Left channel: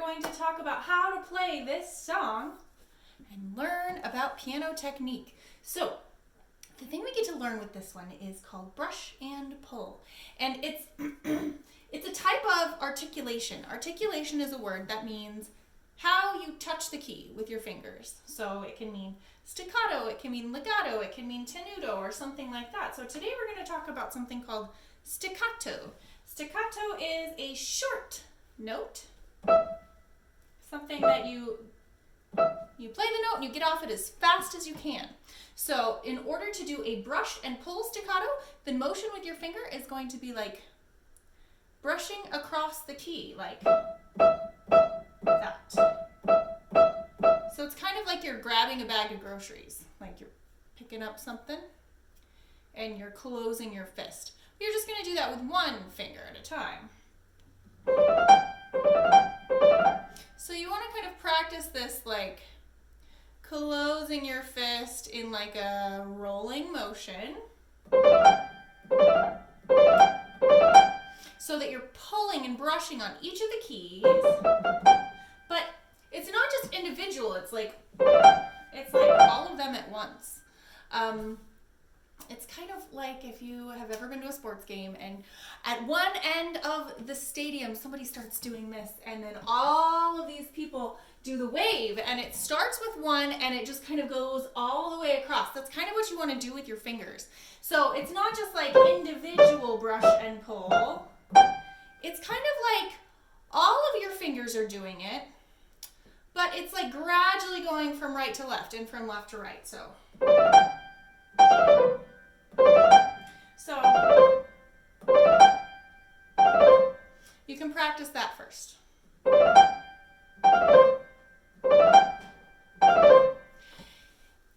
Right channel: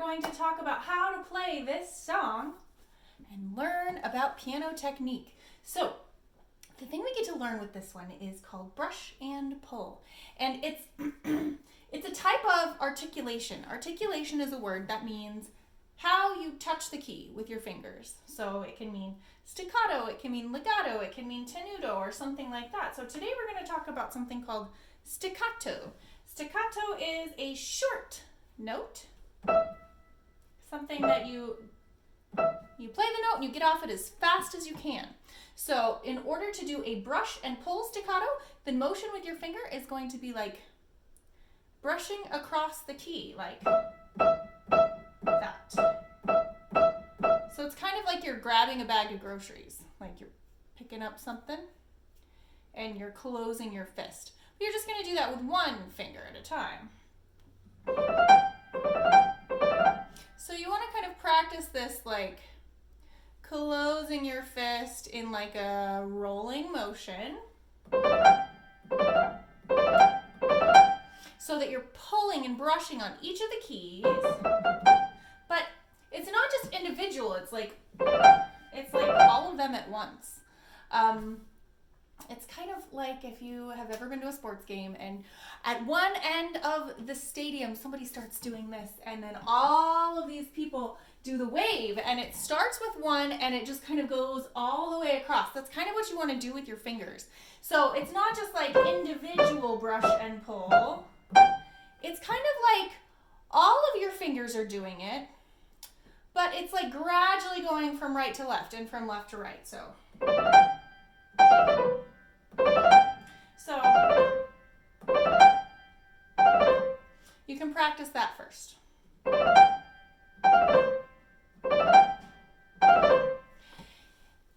going to talk about how to play this song and learn about piano technique. So the thing we get to learn with this one is called brush and pull. And it's it's a type of articulation. Articulation is a word that means how you touch the key with your fingers. So it can mean staccato, it can mean legato, it can mean tenuto or something like that. So today we're going to talk about something called staccato. Staccato is a short note, something that you play the note and you get off it as fast as you can. So in order to do a brush and pull staccato, the motion with your finger is going to be like brushing across the key, like that. So it's kind of like you're grabbing a bag of groceries, like you're picking up something and you're closing your fist. You're just going to do that with one finger at a time. So you want to kind of practice this like closing your fist in like a rolling motion so that you're pulling and brushing on each of the keys. But it's not just individual, it's like all of them at once. It's kind of like if you have ever been to a sports game and at one end of the stadium somebody starts doing this and then all of these people do the wave and it starts with one and it just kind of goes all the way across. That's kind of what you want to do with your fingers. So it's not just like individual brush and pull. It's kind of like all of your fingers are doing it, but it's like gradually going from right to left and from left to right. So you can practice that first.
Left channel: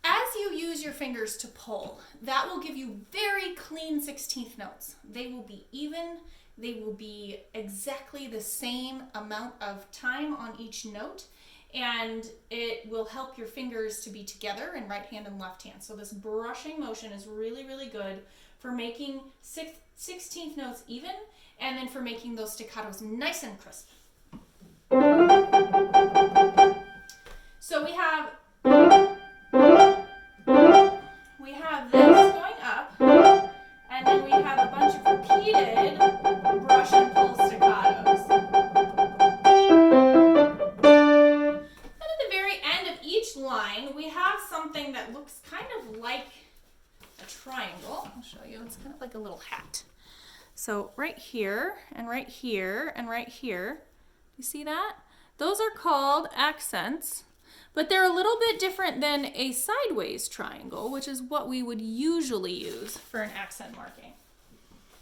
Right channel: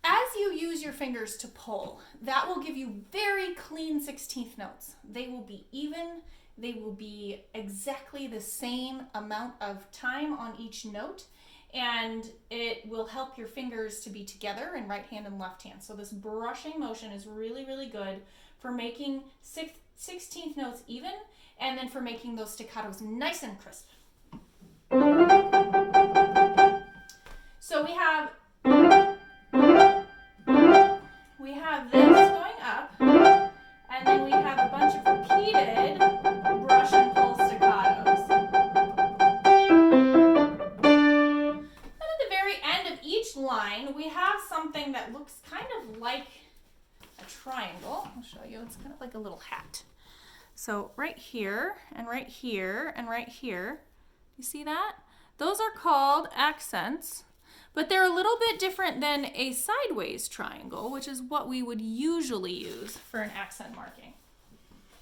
As you use your fingers to pull, that will give you very clean 16th notes. They will be even, they will be exactly the same amount of time on each note, and it will help your fingers to be together in right hand and left hand. So this brushing motion is really, really good for making 16th notes even, and then for making those staccatos nice and crisp. So we have this going up, and then we have a bunch of repeated brush and pull staccatos. And at the very end of each line, we have something that looks kind of like a triangle. I'll show you. It's kind of like a little hat. So right here, and right here, and right here, you see that? Those are called accents, but they're a little bit different than a sideways triangle, which is what we would usually use for an accent marking.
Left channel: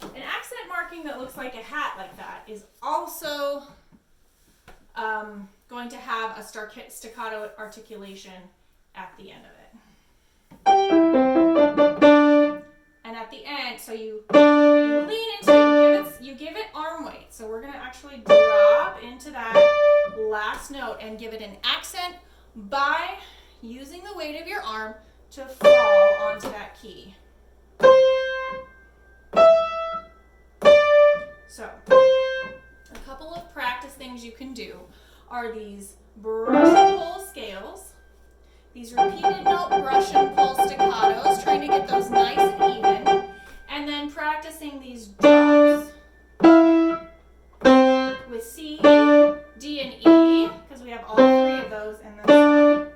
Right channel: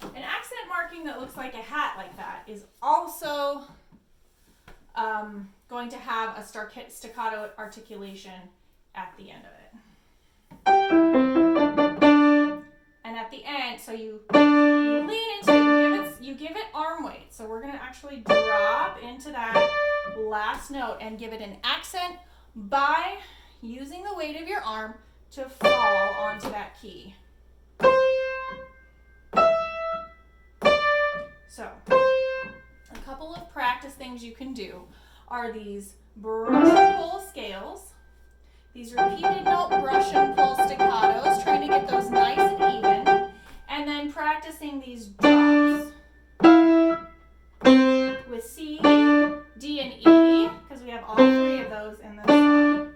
An accent marking that looks like a hat like that is also going to have a staccato articulation at the end of it. And at the end, so you lean into it, you give it arm weight. So we're going to actually drop into that last note and give it an accent by using the weight of your arm to fall onto that key. So, a couple of practice things you can do are these brush and pull scales, these repeated note brush and pull staccatos, trying to get those nice and even, and then practicing these drops with C, D, and E, because we have all three of those in this song.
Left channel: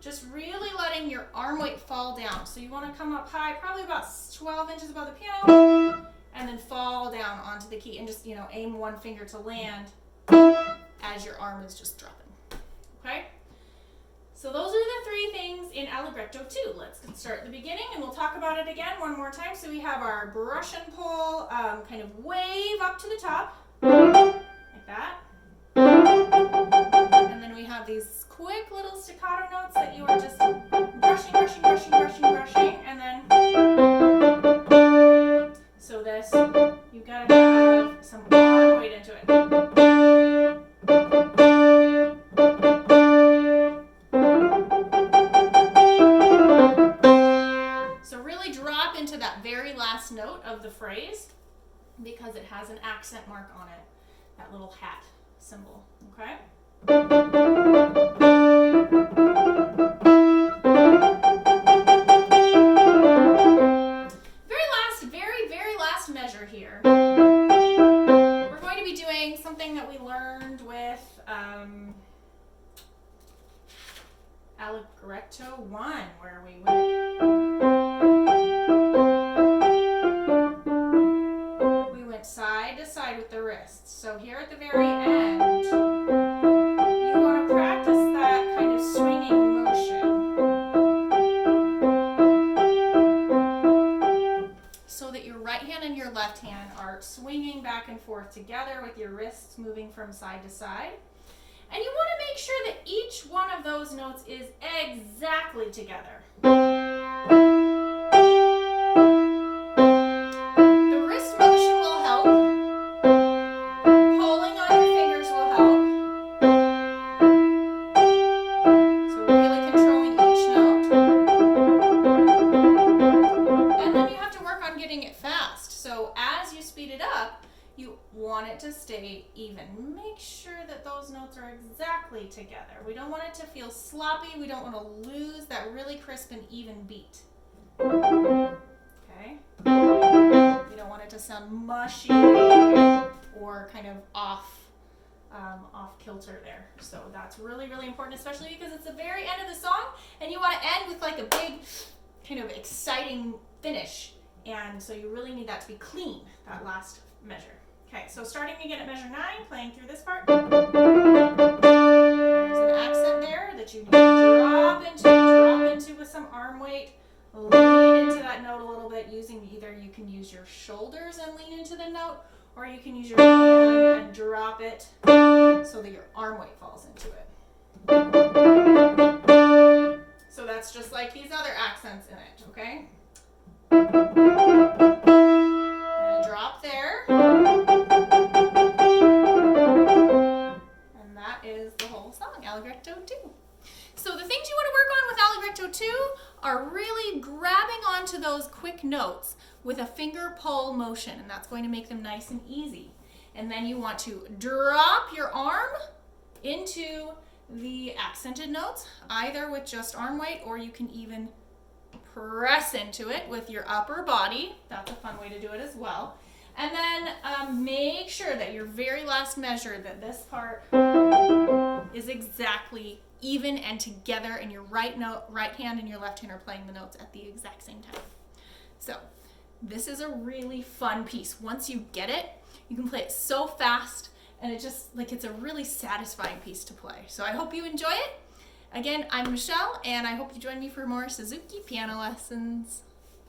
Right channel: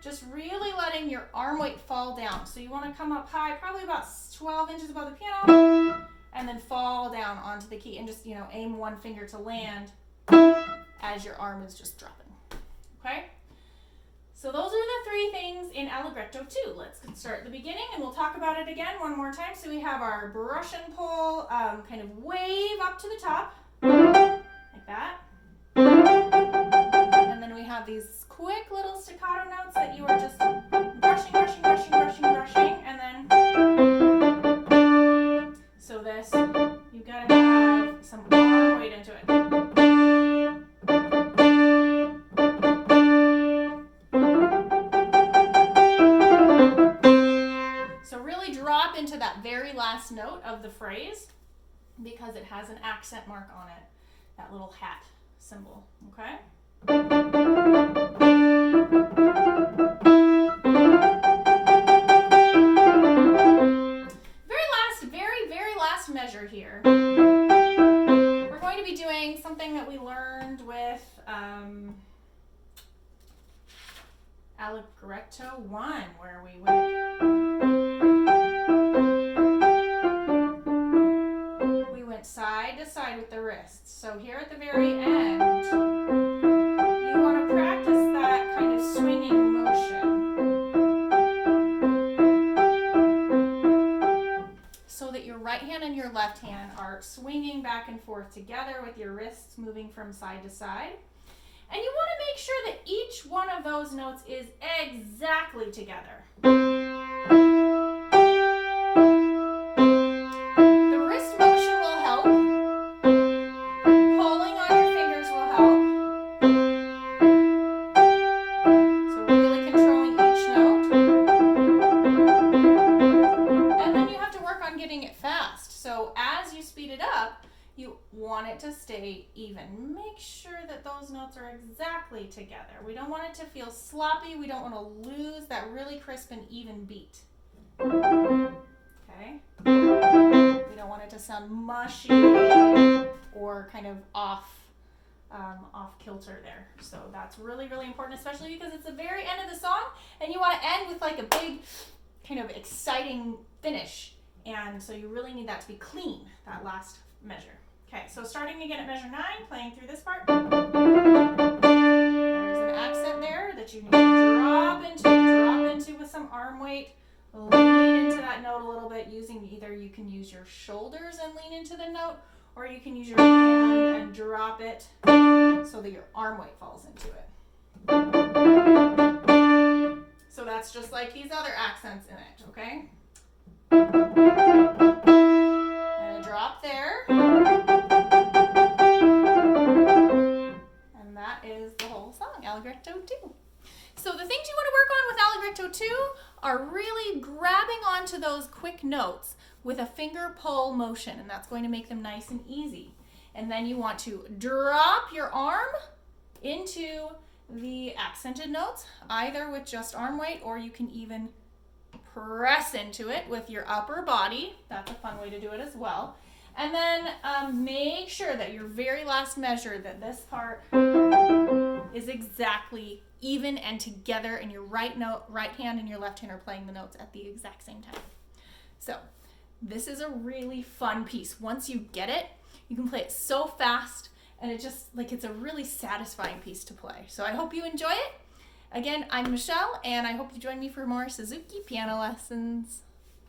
Just really letting your arm weight fall down. So you want to come up high, probably about 12 inches above the piano, and then fall down onto the key, and just, aim one finger to land as your arm is just dropping. Okay? So those are the three things in Allegretto 2. Let's start at the beginning and we'll talk about it again one more time. So we have our brush and pull kind of wave up to the top, like that. And then we have these quick little staccato notes that you are just brushing, brushing, brushing, brushing, brushing. And then, so this, you've got to have some arm weight into it. That very last note of the phrase because it has an accent mark on it, that little hat. symbol, okay? Very last measure here. We're going to be doing something that we learned with Allegretto 1, where we went side to side with the wrists. So here at the very end, you want to practice that kind of swinging motion so that your right hand and your left hand are swinging back and forth together with your wrists moving from side to side. And you want to make sure that each one of those notes is exactly together. The wrist motion will help. Pulling on your fingers will help. So really controlling each note. And then you have to work on getting it fast. So as you speed it up, you want it to stay even. Make sure that those notes are exactly together. We don't want it to feel sloppy. We don't want to lose that really crisp and even beat. Okay? We don't want it to sound mushy or kind of off kilter there. So that's really, really important, especially because it's the very end of the song and you want to end with like a big kind of exciting finish. And so you really need that to be clean, that last measure. Okay, so starting again at measure 9, playing through this part. There's an accent there that you need to drop into with some arm weight. Lean into that note a little bit using either you can use your shoulders and lean into the note, or you can use your hand and drop it so that your arm weight falls into it. So that's just like these other accents in it, okay? And a drop there. And that is the whole song, Allegretto 2. So the things you want to work on with Allegretto 2 are really grabbing onto those quick notes with a finger pull motion, and that's going to make them nice and easy. And then you want to drop your arm into the accented notes, either with just arm weight, or you can even press into it with your upper body. That's a fun way to do it as well. And then make sure that your very last measure, that this part is exactly even and together, and your right hand and your left hand are playing the notes at the exact same time. So this is a really fun piece. Once you get it, you can play it so fast, and it's a really satisfying piece to play. So I hope you enjoy it. Again, I'm Michelle, and I hope you join me for more Suzuki Piano Lessons.